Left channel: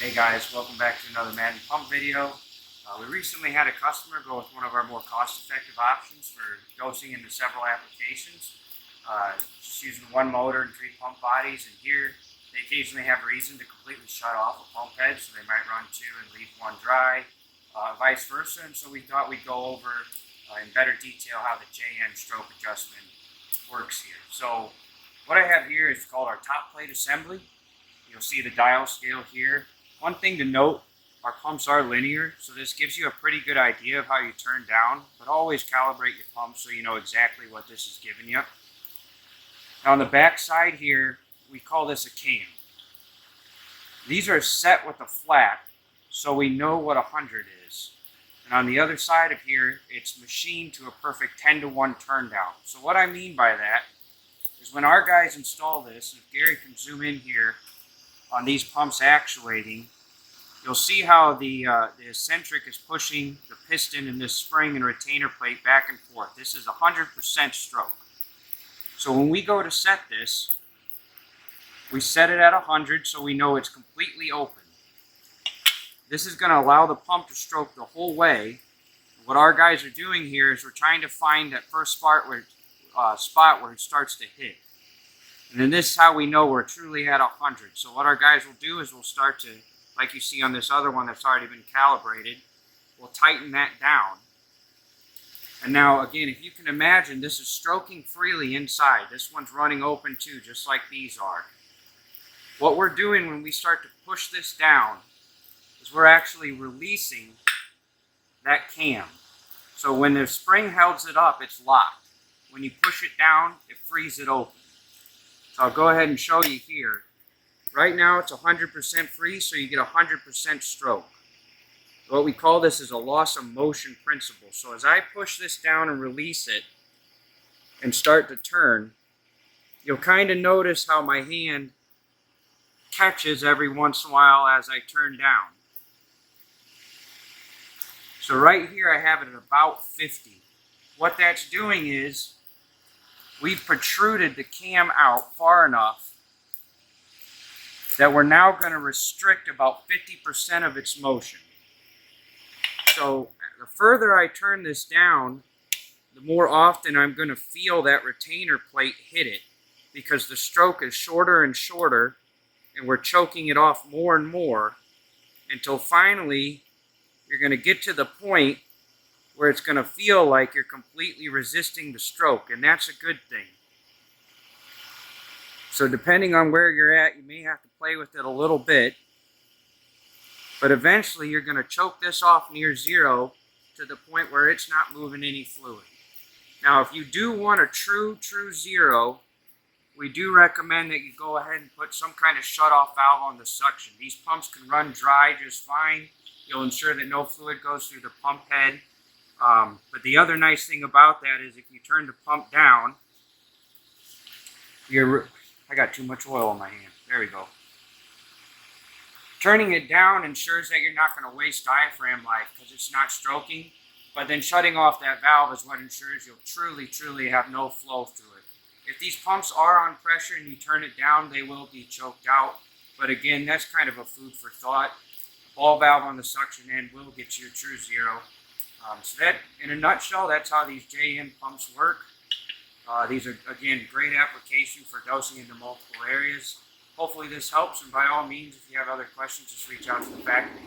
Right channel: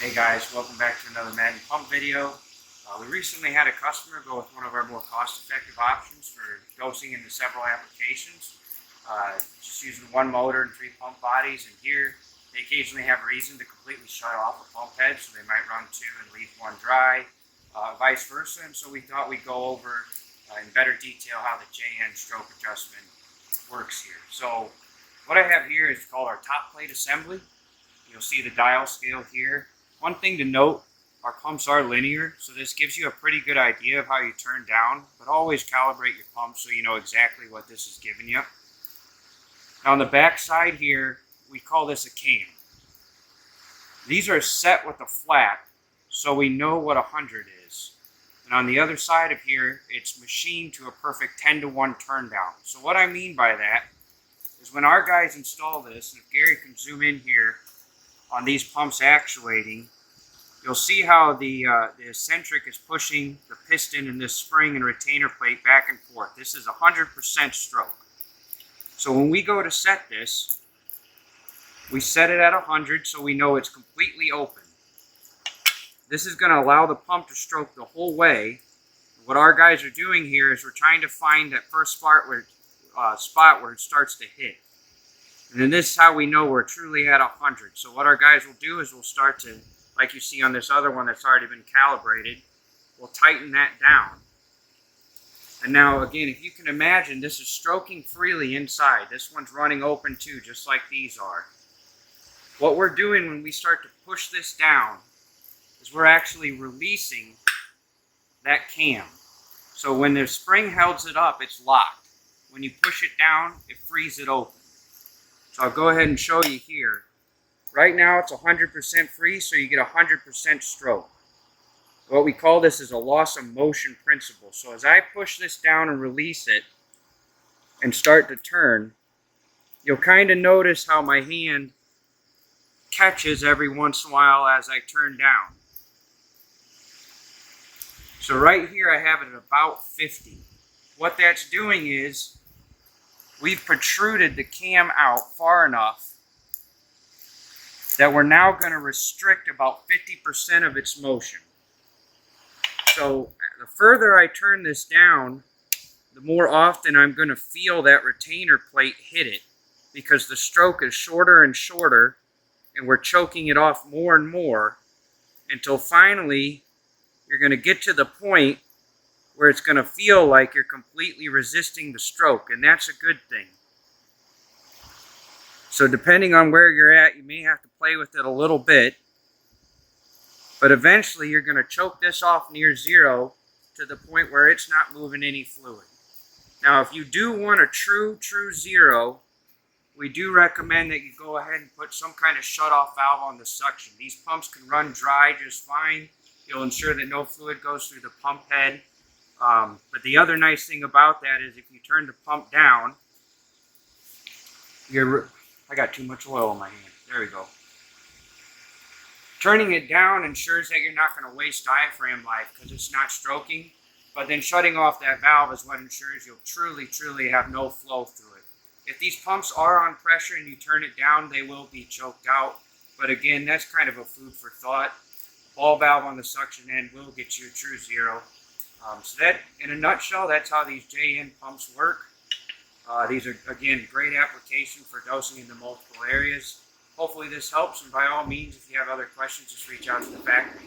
Hey guys, welcome back to another Madden Pump video. We recently had a customer go with one of our more cost-effective options for dosing into several applications. Just using one motor and 3 pump bodies, and here they occasionally have a reason to completely shut off a pump head, so they might run 2 and leave 1 dry, vice versa. And so we thought we'd go over in better detail how the JN stroke adjustment works here. So what I have here is called our top plate assembly. You'll see the dial scale here. One thing to note, our pumps are linear, so this gives you a pretty good idea of how you turn down, but always calibrate your pump so you know exactly what this is giving you. Now on the back side here, we call this a cam. These are set with a flat, so we know what 100 is. And on the other side of here, it's machined to a perfect 10-to-1 turn down. So what I mean by that is when our guys install this, and if Gary can zoom in here, on these pumps actuating, you'll see how the eccentric is pushing the piston and this spring and retainer plate back and forth. This is 100% stroke. So when we go to set this, we set it at 100 so we know it's completely open. This is going to allow the pump to stroke the whole way. What our guys are doing here is we're trying to find that first spot where it starts to hit. And then this is how we know we're truly at 100. So what our guys will do is we'll start to, like you see on this other one that's already been calibrated, we'll tighten that down. And now again, if you can imagine, this is stroking freely inside. This one's running open too, just like these are. What we're doing when we start to push this down is we're actually releasing that cam. So when the spring holds it up, it's locked. When you push it down, it frees it open. So I'll go ahead and show you here. Right now it's 100% free, so you get 100% stroke. What we call this is a loss of motion principle. So as I push this down and release it and start to turn, you'll kind of notice how my hand catches every once in a while as I turn down. So right here I have it at about 50. What that's doing is we've protruded the cam out far enough that we're now going to restrict about 50% of its motion. So the further I turn this down, the more often I'm going to feel that retainer plate hit it, because the stroke is shorter and shorter and we're choking it off more and more until finally you're going to get to the point where it's going to feel like you're completely resisting the stroke, and that's a good thing. So depending on where you're at, you may have to play with it a little bit, but eventually you're going to choke this off near zero to the point where it's not moving any fluid. Now if you do want a true zero, we do recommend that you go ahead and put some kind of shut-off valve on the suction. These pumps can run dry just fine. You'll ensure that no fluid goes through the pump head. But the other nice thing about that is if you turn the pump down, I got too much oil in my hand. There we go. Turning it down ensures that you're not going to waste diaphragm life because it's not stroking. But then shutting off that valve is what ensures you'll truly have no flow through it. If these pumps are on pressure and you turn it down, they will be choked out. But again, that's kind of a food for thought. Ball valve on the suction end will get you a true zero. So that, in a nutshell, that's how these JN pumps work. These are, again, great application for dosing into multiple areas. Hopefully this helps, and by all means, if you have other questions, just reach out to the factory.